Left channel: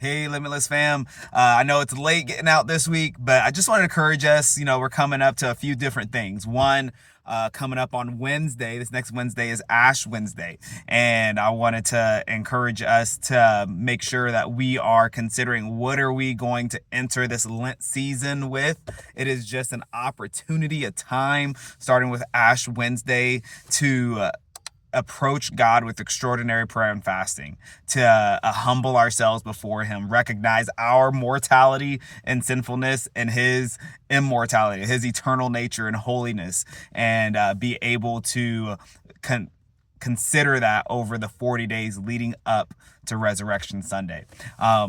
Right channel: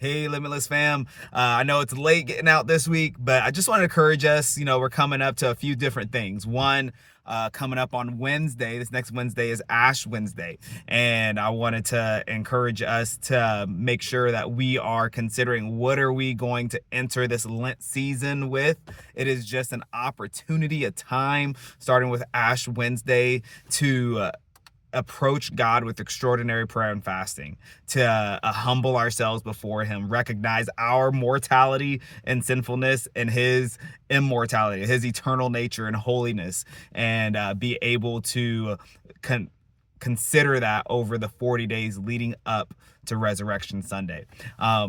Hey, Limitless fam. I know it's late getting out this week, but I just want to encourage us. We're coming up to a few different things. One, coming up on Wednesday, this next Wednesday is Ash Wednesday. And I wanted to encourage us to make sure that we are considering what are we going to enter this Lent season with. It is just an opportunity, a time, starting with Ash Wednesday to approach God with extraordinary prayer and fasting, to humble ourselves before him, recognize our mortality and sinfulness and his immortality, his eternal nature and holiness, and be able to consider that over the 40 days leading up to Resurrection Sunday.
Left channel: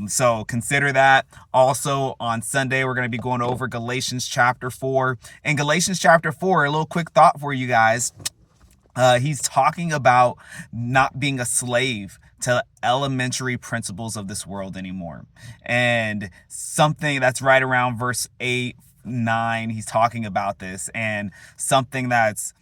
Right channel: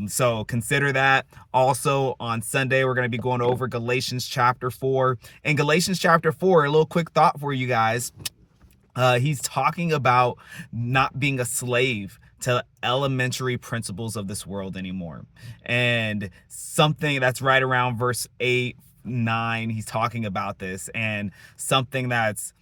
So consider that. Also on Sunday, we're going to be going over Galatians chapter 4. In Galatians chapter 4, a little quick thought for you guys. He's talking about not being a slave to elementary principles of this world anymore. And something that's right around verse 8, 9, he's talking about this, and something that's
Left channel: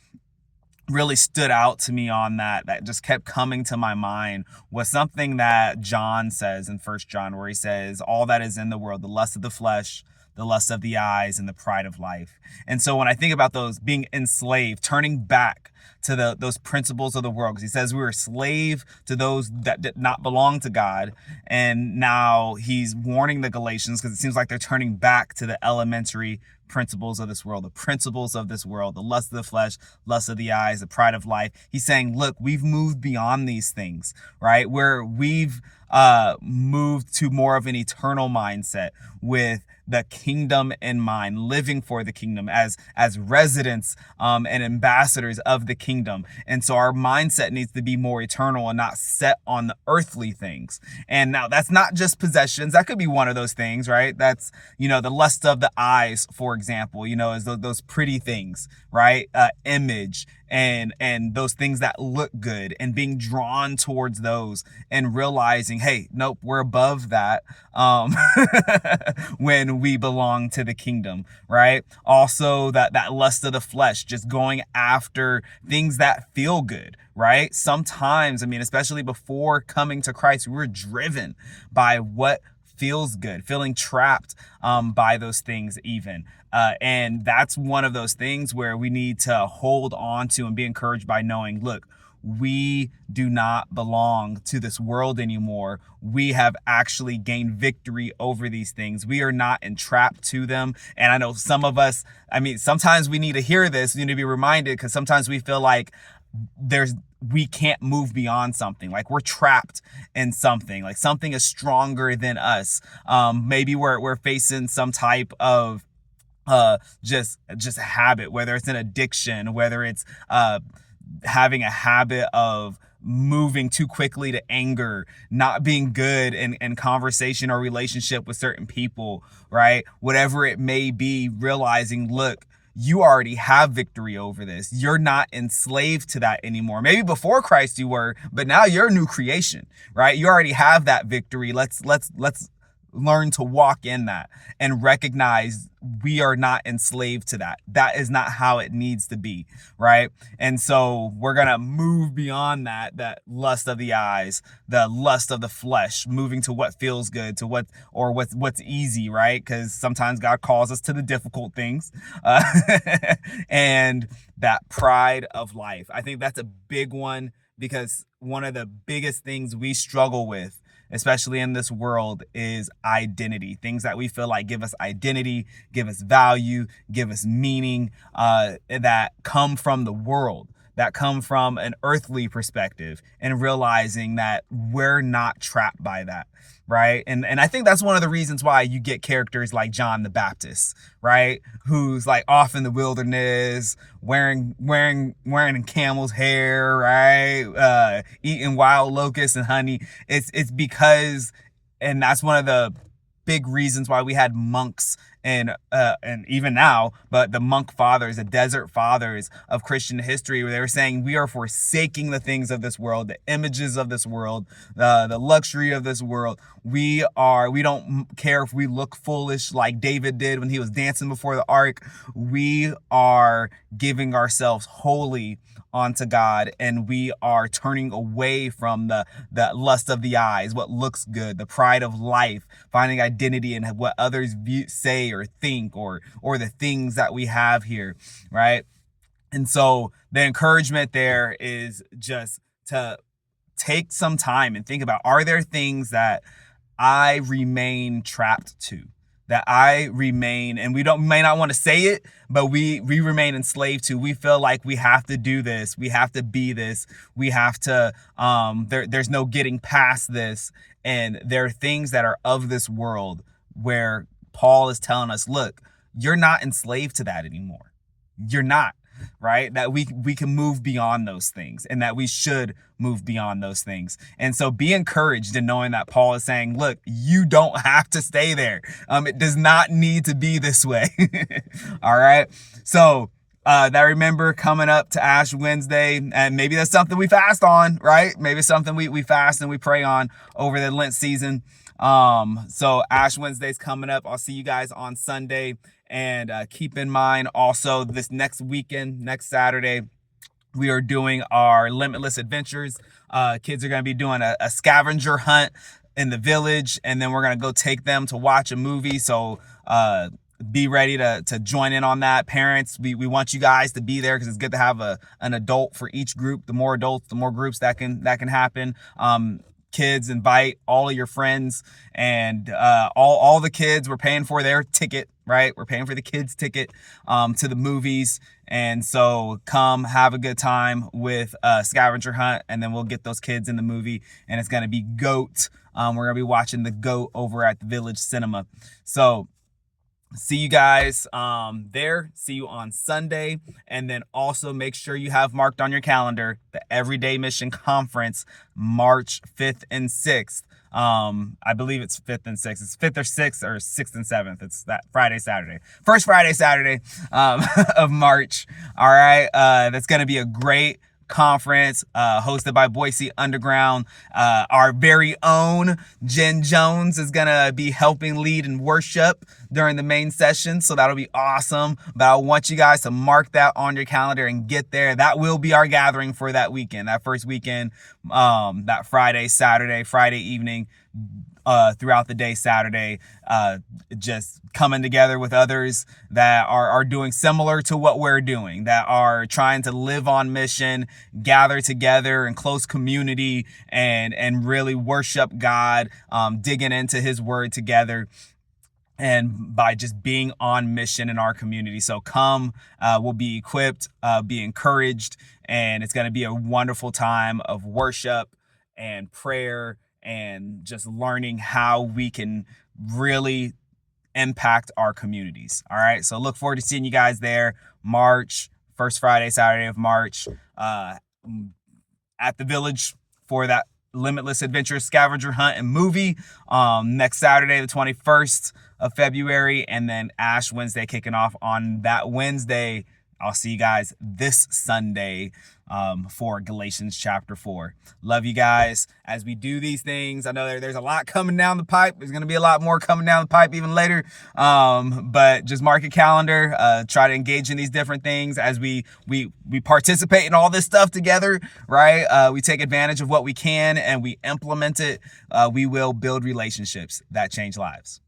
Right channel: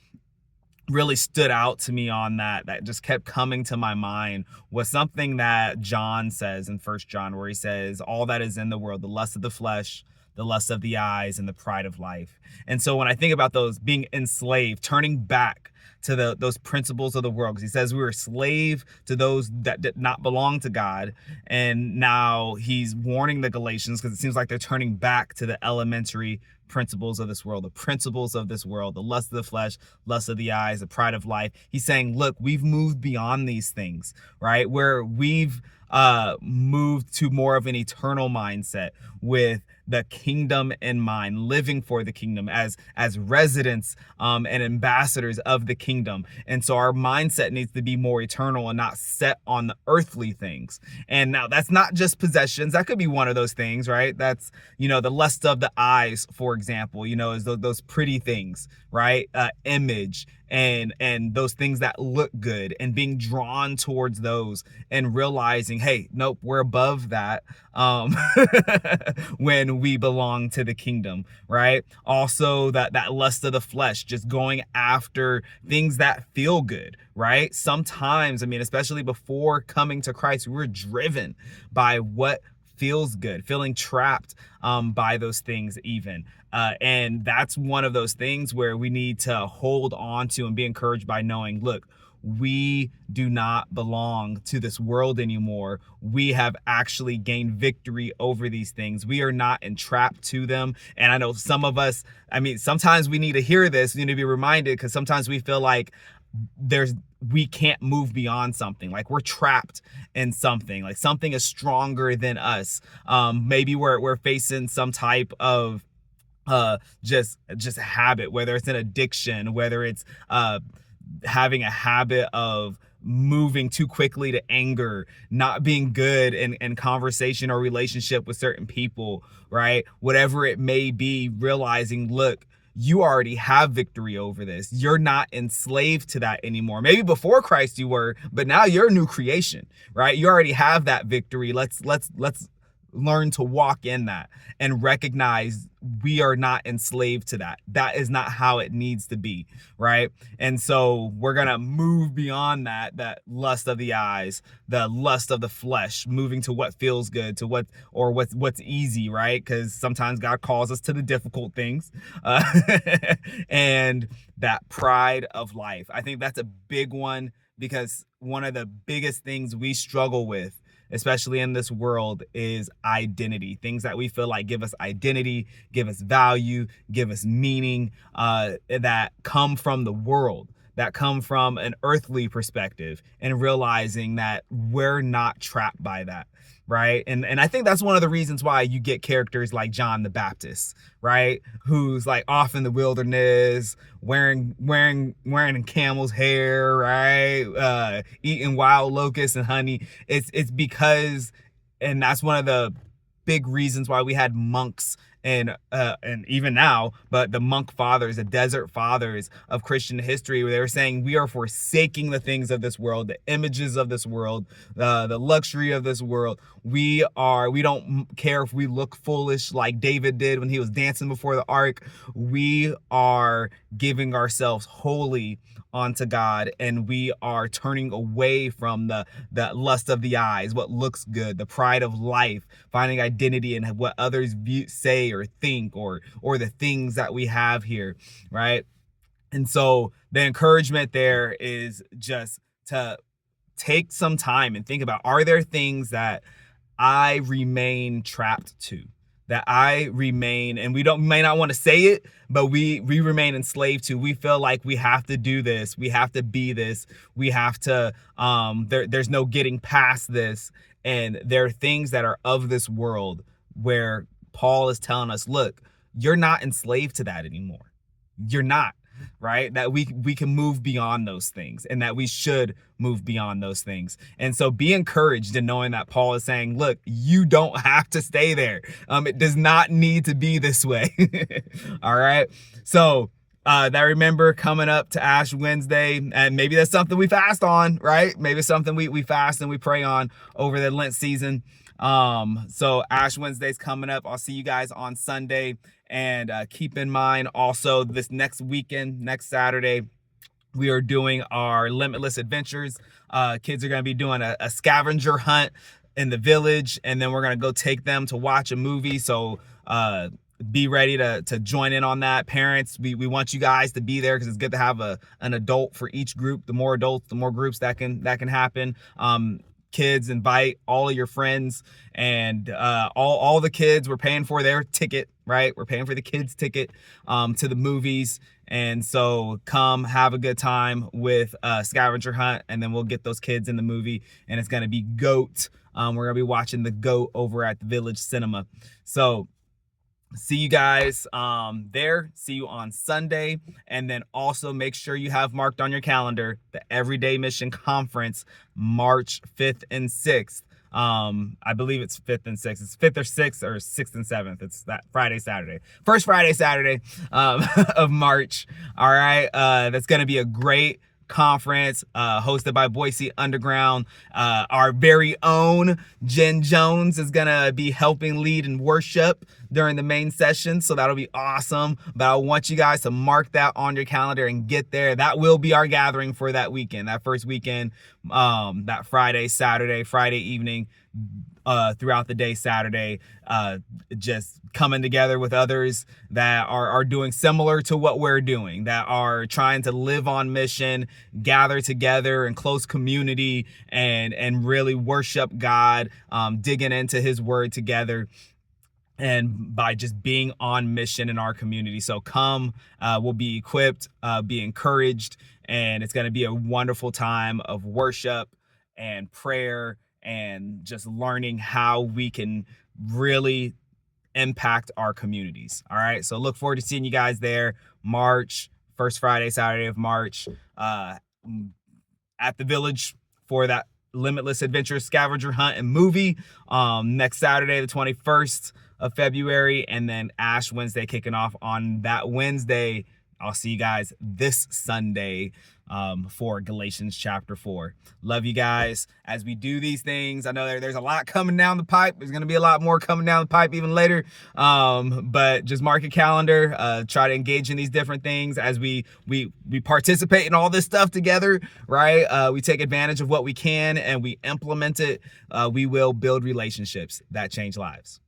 really stood out to me on that just kept coming to my mind was something that John says in 1 John, where he says, all that is in the world, the lust of the flesh, the lust of the eyes, and the pride of life. And so when I think about those being enslaved, turning back to those principles of the world, because he says we were slave to those that did not belong to God, and now he's warning the Galatians because it seems like they're turning back to the elementary principles of this world, the principles of this world, the lust of the flesh, lust of the eyes, the pride of life. He's saying, look, we've moved beyond these things, right? Where we've moved to more of an eternal mindset with the kingdom in mind, living for the kingdom as residents and ambassadors of the kingdom. And so our mindset needs to be more eternal and not set on the earthly things. And now that's not just possessions. That could be one of those things, right? That's, the lust of the eyes, for example, is those pretty things, right? Image and those things that look good, and being drawn towards those and realizing, hey, nope, we're above that when we belong to the kingdom, right? Also that lust of the flesh, just going after things that feel good, right? Sometimes, especially before coming to Christ, we were driven by what feels good, feeling trapped by those things even. And that's one of those things where we need to hold on to and be encouraged by knowing, look, we do not belong to this world anymore. We have actually gained victory over these things. We are not entrapped to them. And I know some of us, sometimes we need to hear this, we need to be reminded, because sometimes we feel like we can't move beyond something, like we're trapped in something, like something is stronger than us. Maybe we're facing some type of just habit, whether it's an addiction, whether it's having a habit of moving too quickly to anger, not being good in conversation or relationship with certain people, right? Whatever it may be, realizing, look, you already have victory over this. You're not enslaved to that anymore. Maybe before Christ you were, but now you're a new creation, right? You already have that victory. Let's learn to walk in that and recognize we are not enslaved to that. That is not how it needs to be, right? And so we're going to move beyond that lust of the eyes, the lust of the flesh, moving to what feels good, to what's easy, right? Because sometimes God calls us to the difficult things. And that pride of life. I think that's a big one, because one of the biggest things we struggle with, especially in this world, is identity. Things that we feel like give us identity, give us value, give us meaning, that come from the world, that come from an earthly perspective, and realizing that we're not trapped by that, right? And I think that's one of the reasons why you get characters like John the Baptist, right? Who's like off in the wilderness, wearing camel's hair, right? Eating wild locusts and honey. It's because, and that's one of the big reasons why we had monks and even now, but the monk fathers, the desert fathers of Christian history, where they were saying we are forsaking the things of this world, the images of this world, the luxury of this world. We don't care if we look foolish like David did when he was dancing before the ark. We are giving ourselves wholly onto God, and we are turning away from the lust of the eyes, what looks good, the pride of life, finding identity in what others say or think, or the things that we have here, right? And so the encouragement there is just to take some time and think about, are there things that I remain trapped to, that I remain, and we may not want to say it, but we remain enslaved to. We feel like we have to do this, we have to be this, we have to, there's no getting past this. And there are things that are of this world where Paul is telling us, look, you're not enslaved to that anymore. You're not. Right? That we can move beyond those things, and that we should move beyond those things. And so be encouraged in knowing that Paul is saying, look, you don't have to stay there. It does not need to be this way. All right. So that, remember, coming up to Ash Wednesday, and maybe that's something we fast on, right? Maybe it's something we fast and we pray on over the Lent season. So Ash Wednesday's coming up. I'll see you guys on Sunday. And keep in mind also, this next weekend, next Saturday, we are doing our Limitless Adventures. Kids are going to be doing a scavenger hunt in the village, and then we're going to go take them to watch a movie. So be ready to join in on that. Parents, we want you guys to be there, because it's good to have an adult for each group. The more adults, the more groups that can happen. Kids, invite all of your friends, and all the kids, we're paying for their ticket, right? We're paying for the kids' ticket to the movies. And so come have a good time with Scavenger Hunt, and then we'll get those kids in the movie, and it's going to be GOAT. We're going to be watching the GOAT over at the Village Cinema. So see you guys there. See you on Sunday. And then also make sure you have marked on your calendar the Everyday Mission Conference, March 5th and 6th. I believe it's 5th and 6th. It's 5th or 6th, or 6th and 7th. It's that Friday, Saturday. First Friday, Saturday of March. All right. That's going to be a great conference hosted by Boise Underground. Our very own Jen Jones is gonna be helping lead in worship during the main session, so that'll be awesome. But I want you guys to mark that on your calendar and get there. That will be our gathering for that weekend, that first weekend, that Friday evening, throughout the day, Saturday, just coming together with others that are doing similar to what we're doing, that are trying to live on mission, gather together in close community, and really worship God, digging into his word together, and by just being on mission in our community. So come, we'll be equipped, be encouraged, and it's going to be a wonderful time of worship and prayer, and just learning how we can really impact our communities. All right. So look forward to seeing you guys there, first Friday, Saturday of March, at the Village for that Limitless Adventure Scavenger Hunt and movie, next Saturday, the 21st of February, and then Ash Wednesday kicking off on that Wednesday. I'll see you guys this Sunday for Galatians chapter 4. Love you guys as we do these things. I know there's a lot coming down the pipe. There's going to be a lot more coming down the pipe even later. But just mark your calendar. Try to engage in these different things as we participate in all this stuff together, right? We take advantage of what we can and we implement it. We will build relationships that change lives.